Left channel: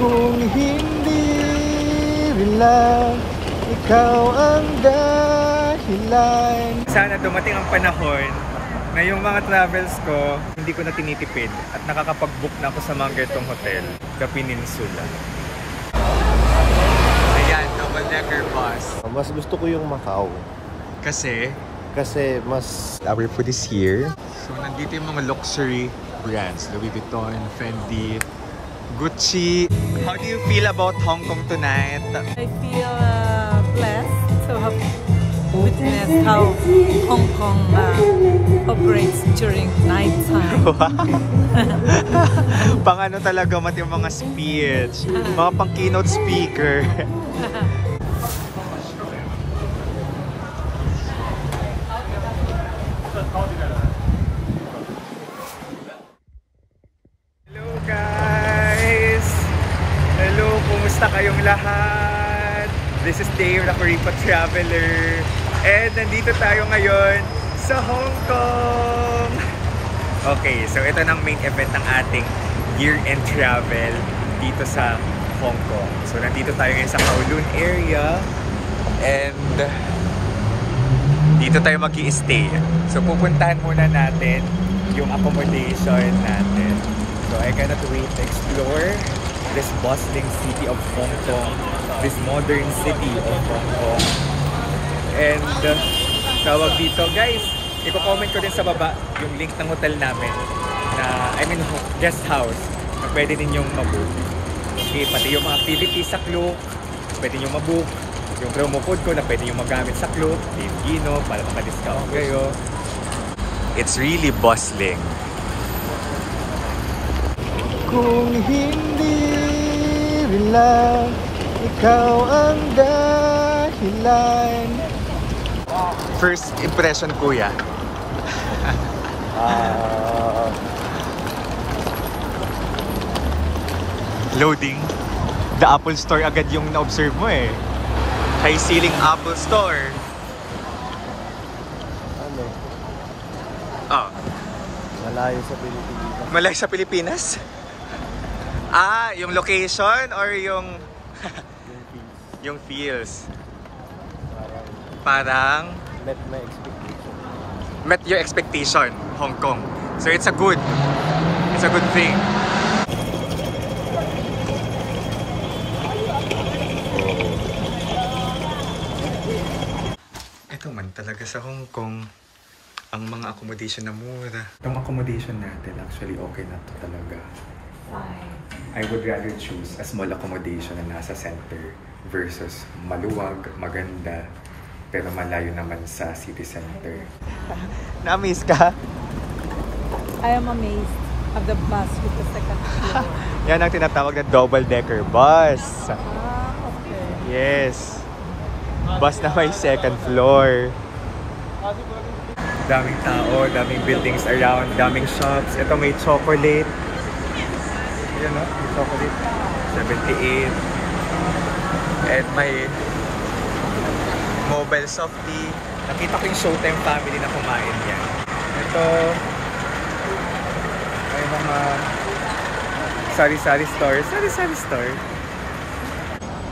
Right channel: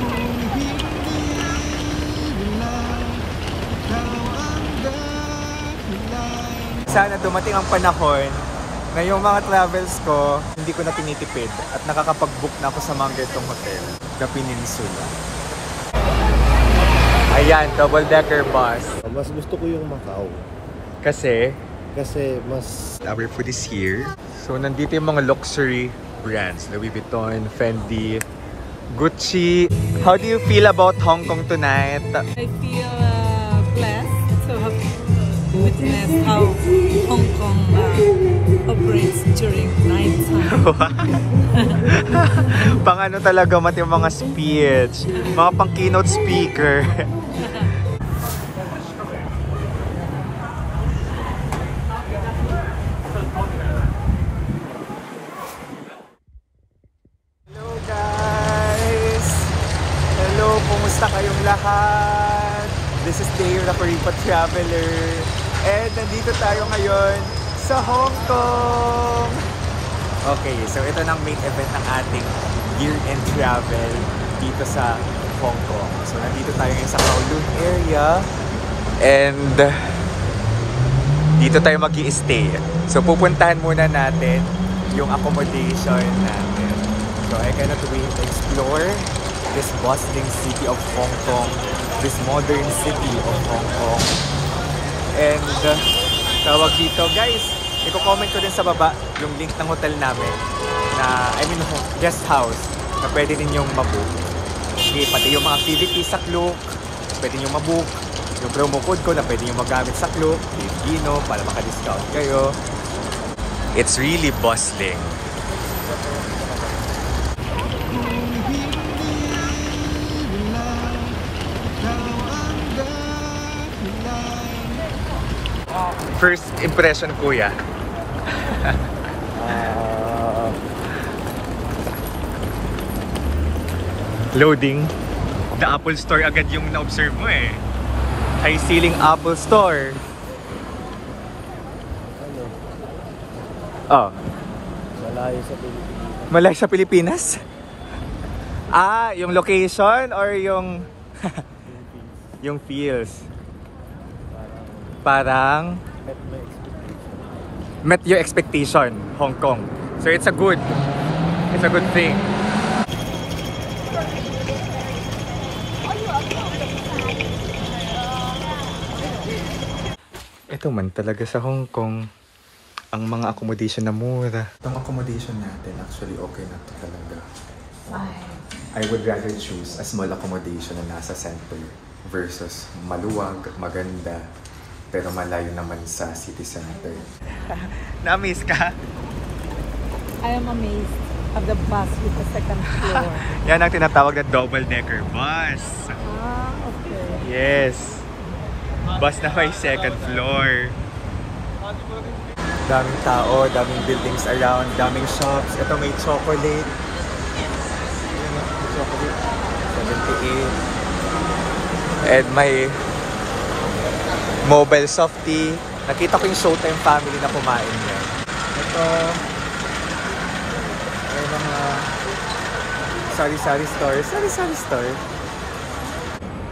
Kung hindi rin lang ikaw ang dahilan. Sana dumating ang panahon na yung mga travels ko, hindi ko na tinitipid at nakakapag-book na ako sa mga ganitong hotel, The Peninsula. Ayan, double-decker bus. Mas gusto ko yung Macau. Kasi mas... our food is here. So, nandito yung mga luxury brands. Louis Vuitton, Fendi, Gucci. How do you feel about Hong Kong tonight? I feel blessed to have witnessed how Hong Kong operates during night time. Pang ano talaga mat yung mga speech, mga pang keynote speaker. Hello guys! Hello, kumusta kayong lahat? This is Dave, the Kuripa Traveler. And nandito tayo ngayon sa Hong Kong. Okay, so ito ng main event ng ating year-end travel dito sa Hong Kong. So nandito tayo ngayon sa Kowloon area. And dito tayo mag-i-stay. So pupuntahan muna natin yung accommodation natin. So I cannot wait to explore this bustling city of Hong Kong, this modern city of Hong Kong. And tawag dito guys, i-comment ko din sa baba yung link ng hotel namin na, guest house na pwede ninyong mabook. Okay, pati yung mga activities sa Klook, pwede ninyong mabook. Yung promo code ko na pwede ninyong magamit sa Klook, Dave Gino, para maka-discount kayo. It's really bustling. Kung hindi rin lang ikaw ang dahilan. First impression, kuya. Loading. The Apple Store agad yung na-observe mo eh. High ceiling Apple Store. Ano? Oh. Malayo sa Pilipinas. Malayo sa Pilipinas? Ah, yung location or yung... yung feels. Parang... Met my expectation. Met your expectation, Hong Kong. So it's a good thing. Ito man talaga sa Hong Kong, ang mga accommodation na mura. Itong accommodation natin, actually okay na to talaga. I would rather choose a small accommodation na nasa center versus maluwag, maganda, pero malayo naman sa city center. Na-amaze ka? I am amazed of the bus with the second floor. Yan ang tinatawag na double-decker bus. Okay. Yes. Bus na may second floor. Daming tao, daming buildings around, daming shops. Ito may chocolate. Ayan o, may chocolate. 78. And may mobile softie. Nakita ko yung Showtime family na kumain yan. Ito, may mga sari-sari store. Sari-sari store.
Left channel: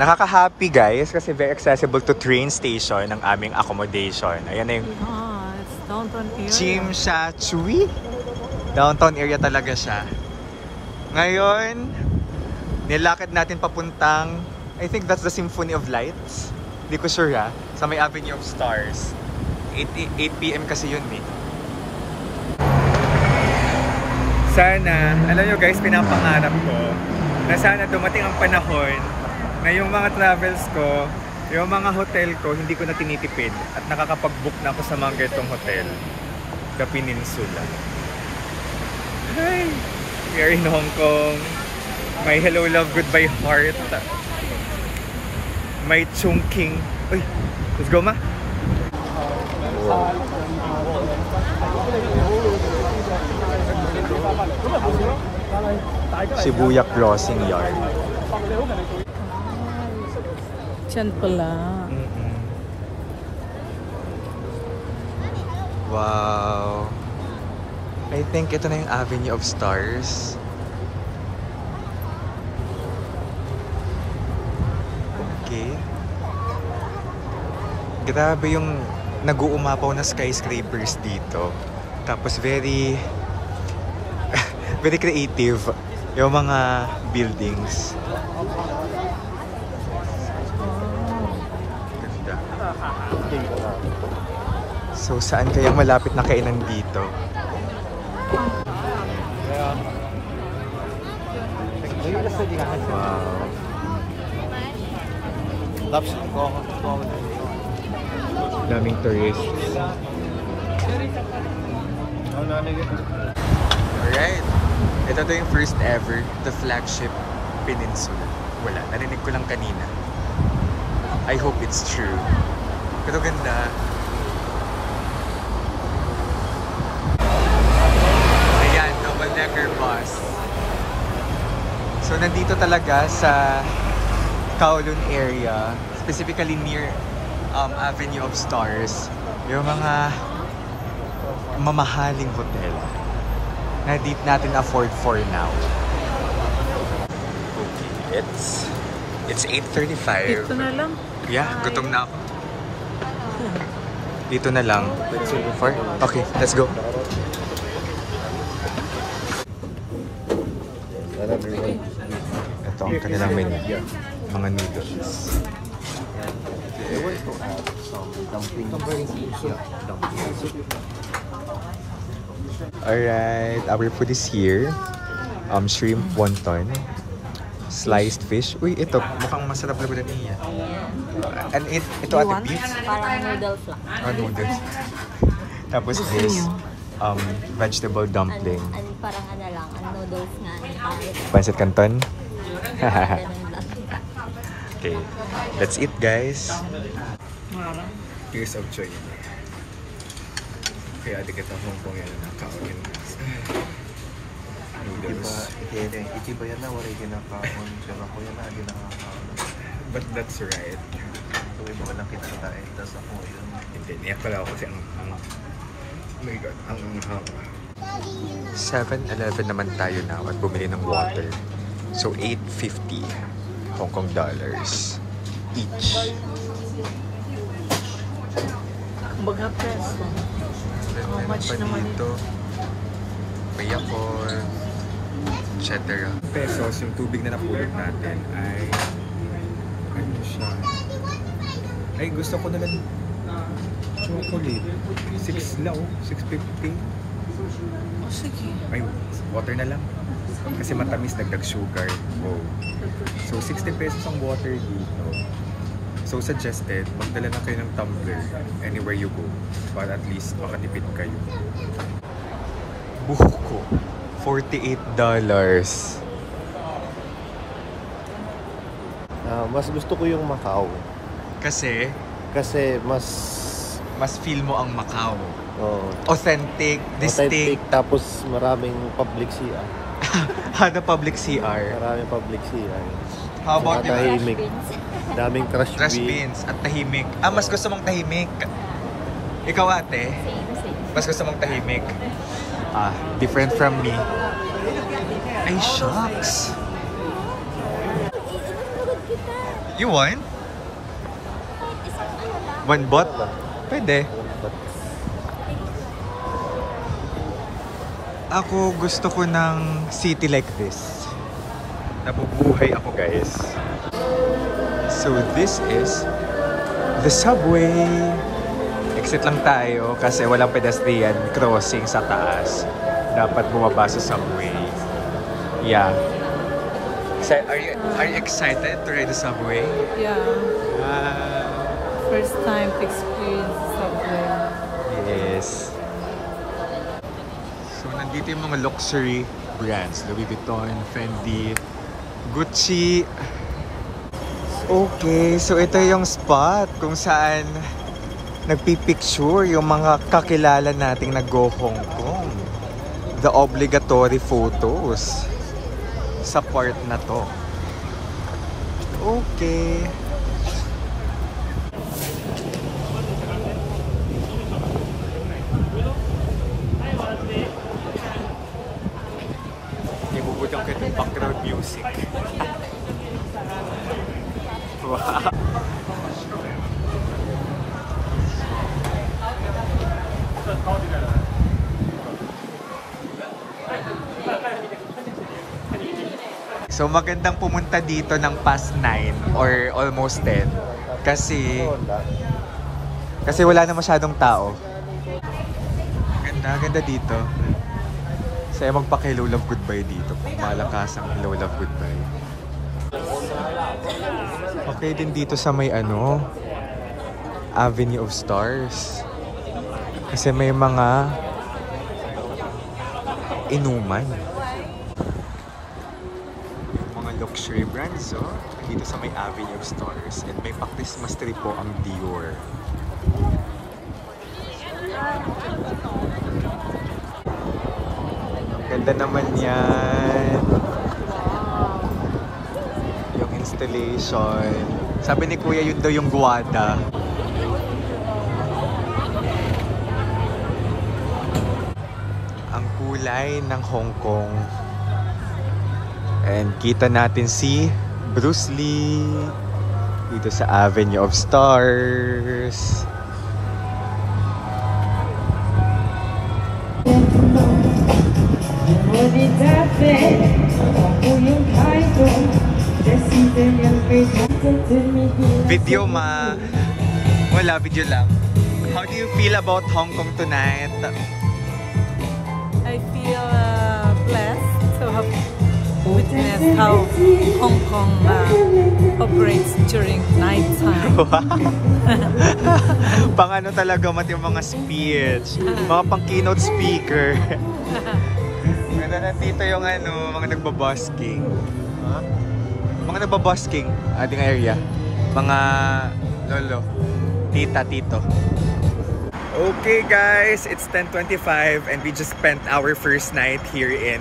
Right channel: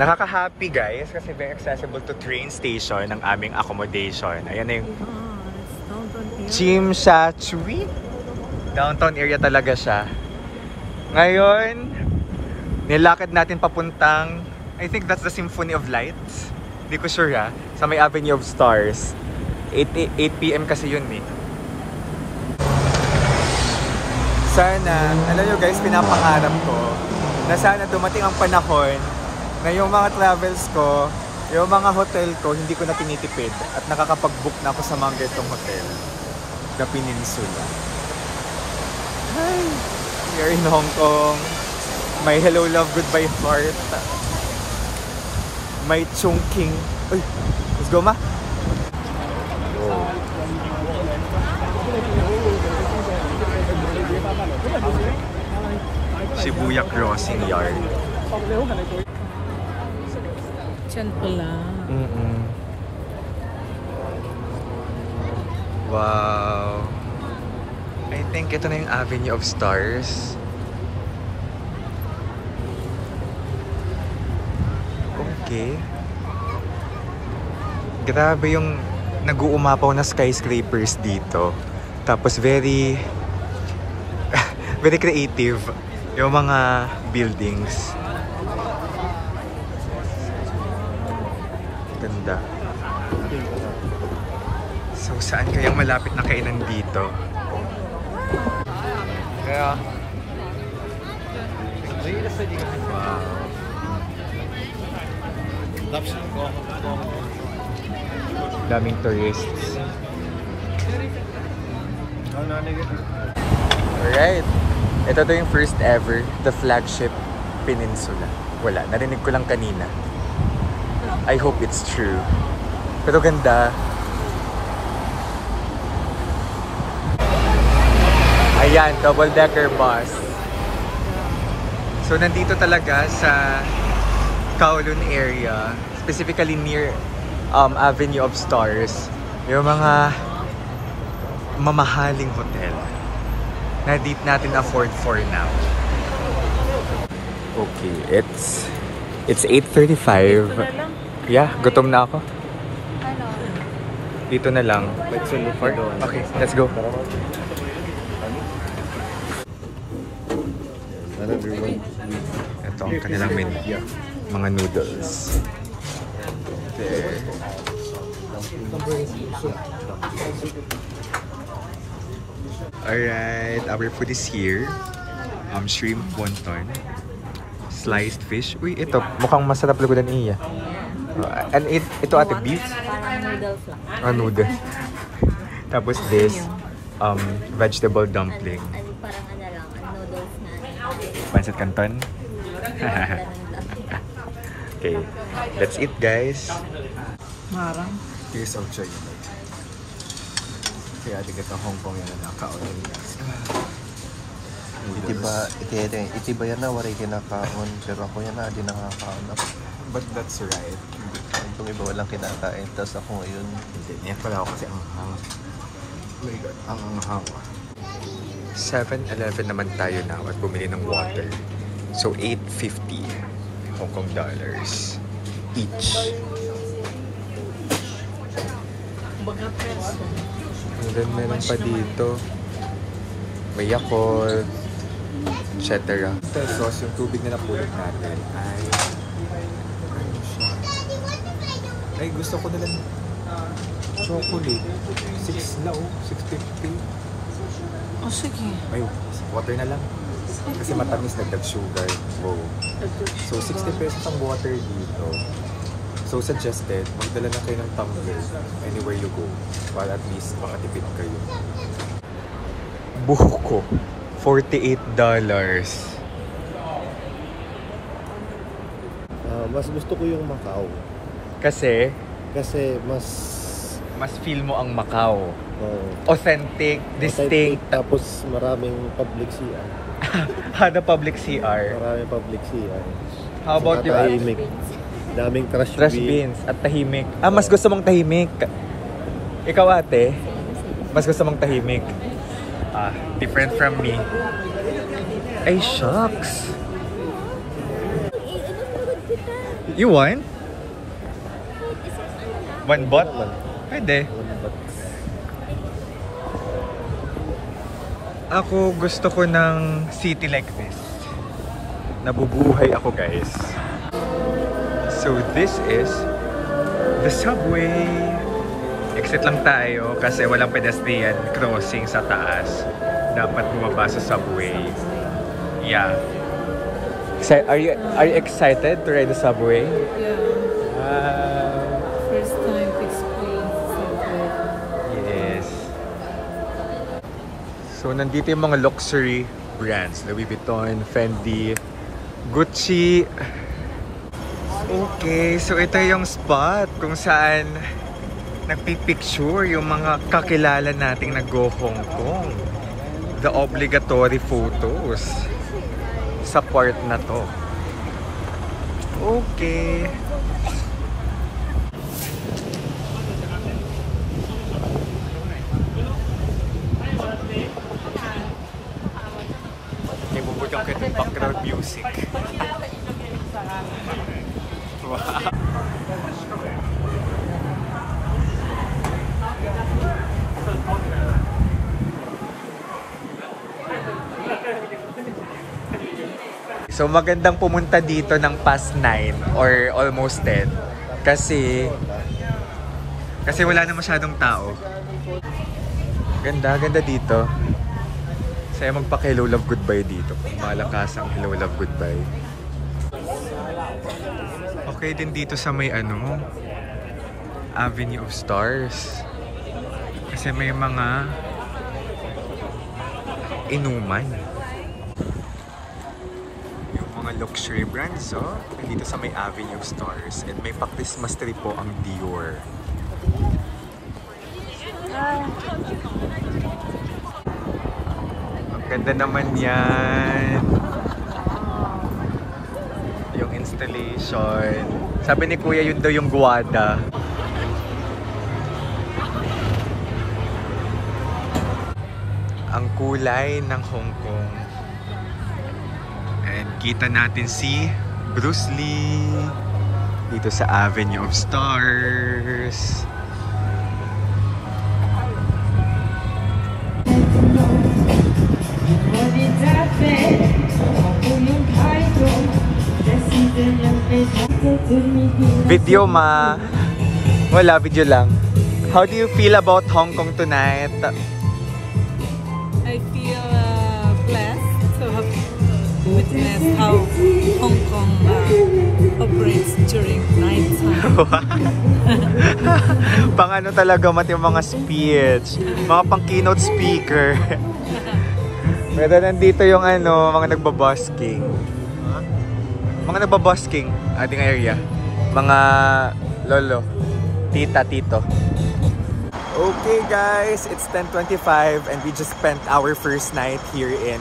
Nakaka-happy guys kasi very accessible to train station ng aming accommodation. Ayan na yung It's downtown area. Tsim Sha Tsui. Downtown area talaga siya. Ngayon, nilakad natin papuntang, I think that's the Symphony of Lights. Hindi ko sure ha. Sa may Avenue of Stars. 8 PM kasi yun eh. Sana, alam nyo guys, pinapangarap ko na sana dumating ang panahon na yung mga travels ko, yung mga hotel ko, hindi ko na tinitipid at nakakapag-book na ako sa mga ganitong hotel. The Peninsula. Hi! We are in Hong Kong. My hello, love, goodbye, heart. My Chungking. Uy, let's go ma! Oh. Shibuya Crossing Yard. Diyan pala. Wow. I think ito na yung Avenue of Stars. Okay. Grabe yung nag-uumapaw na skyscrapers dito. Tapos very very creative yung mga buildings. Ganda. So saan kayang malapit na kainan dito? Kaya wow. Daming tourists. Alright. Ito to yung first ever, the flagship peninsula. Wala, narinig ko lang kanina. I hope it's true. Pero ganda. Ayan, double-decker bus. So nandito talaga sa Kowloon area, specifically near Avenue of Stars, yung mga mamahaling hotel na di natin afford for now. Okay, it's 8:35. Yeah, gutom na ako. Dito na lang. Okay, let's go. Ito ang kanilang menu. Mga noodles. Okay. Alright, our food is here. Shrimp wonton, sliced fish. Uy, ito mukhang masarap lugudan iya. And ito ate beef. Parang noodles lang. Noodles. Tapos this vegetable dumpling. Parang ano lang, noodles na tayo. Pancit canton. Okay, that's it guys. Marang. Here's of choy. Kaya di kita Hong Kong yan na nakaunin. Iti ba yan na waray kinakaon? Pero ako yan na, di nakakaon. But that's right. Kung iba walang kinakain, tapos ako ngayon. Hindi, niyak pala ako kasi ang hang. Oh my god, ang hang. 7-Eleven naman tayo now at bumili ng water. So 850 Hong Kong dollars each. Baga peso. And then meron pa dito. May Yakult, etc. Pesos, yung tubig na napulot natin ay ano siya? Ay, gusto ko na lang chocolate. 6 lao, 650. Oh, sige. Ay, water na lang. Kasi matamis, nagdag sugar. Wow. So, 60 pesos ang water dito. So, suggested, magdala na kayo ng tumbler anywhere you go para at least makatipid kayo. Buko, $48. Mas gusto ko yung Macau. Kasi mas feel mo ang Macau. oh, Authentic, distinct. tapos maraming public CR. Hada public CR. Maraming public CR. How about Saka you? tahimik. Daming trash Bins at tahimik. Mas gusto mong tahimik. Ikaw ate, mas gusto mong tahimik. Different from me. Ay, shucks. You want? One bot? Pwede. Ako gusto ko ng city like this. Nabubuhay ako guys. So this is the subway. Exit lang tayo kasi walang pedestrian crossing sa taas. Dapat bumaba sa subway. Yeah. So, are you excited to ride the subway? Yeah. First time to experience subway. Yes. So nandito yung mga luxury brands. Louis Vuitton, Fendi, Gucci. Okay, so ito yung spot kung saan nagpipicture yung mga kakilala nating nag-go Hong Kong. The obligatory photos sa part na to. Okay. Ibubudang kita yung background music. Wow. So magandang pumunta dito ng past 9 or almost 10 kasi wala na masyadong tao. Ganda dito. Saya magpa-hello love goodbye dito. Kung malakas ang hello love goodbye. Okay din dito sa may Avenue of Stars. Kasi may mga inuman. Yung mga luxury brands, dito sa may Avenue of Stars. And may pa-Christmas tree po ang Dior. Ang ganda naman yan. Yung installation. Sabi ni Kuya, yun daw yung guwada. Ang kulay ng Hong Kong. And kita natin si Bruce Lee dito sa Avenue of Stars. Video ma. Wala, video lang. How do you feel about Hong Kong tonight? I feel blessed to have witnessed how Hong Kong operates during night time. Pang talaga yung mga speech, mga pang keynote speaker. Pero nandito yung mga nagbabusking. Mga nagbabusking ating area. Mga lolo, tita, tito. Okay guys, it's 10:25 and we just spent our first night here in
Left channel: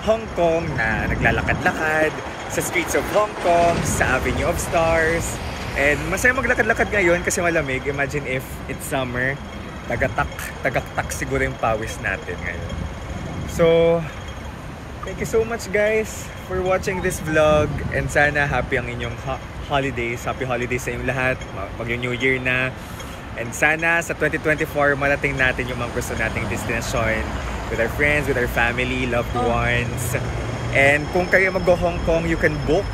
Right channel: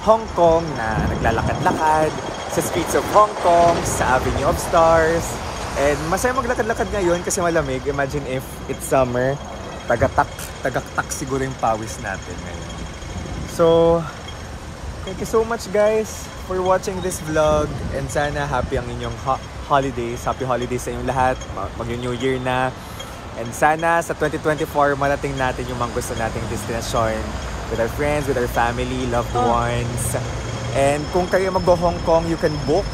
Hong Kong na naglalakad-lakad sa streets of Hong Kong, sa Avenue of Stars. And masaya maglakad-lakad ngayon kasi malamig. Imagine if it's summer, tagaktak siguro yung pawis natin ngayon. So, thank you so much guys for watching this vlog and sana happy ang inyong holidays. Happy holidays sa inyong lahat. Mag-New Year na. And sana sa 2024 malating natin yung mga gusto nating destination with our friends, with our family, loved ones. And kung kayo mag-Hong Kong, you can book.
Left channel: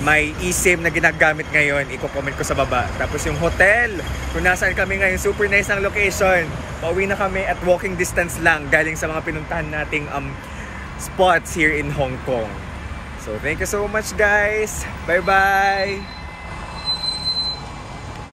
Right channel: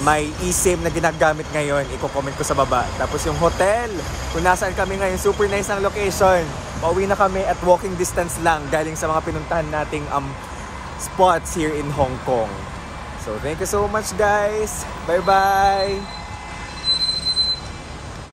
May eSIM na ginagamit ngayon, i-comment ko sa baba. Tapos yung hotel, kung nasaan kami ngayon, super nice ang location. Pauwi na kami at walking distance lang galing sa mga pinuntahan nating spots here in Hong Kong. So thank you so much guys. Bye bye.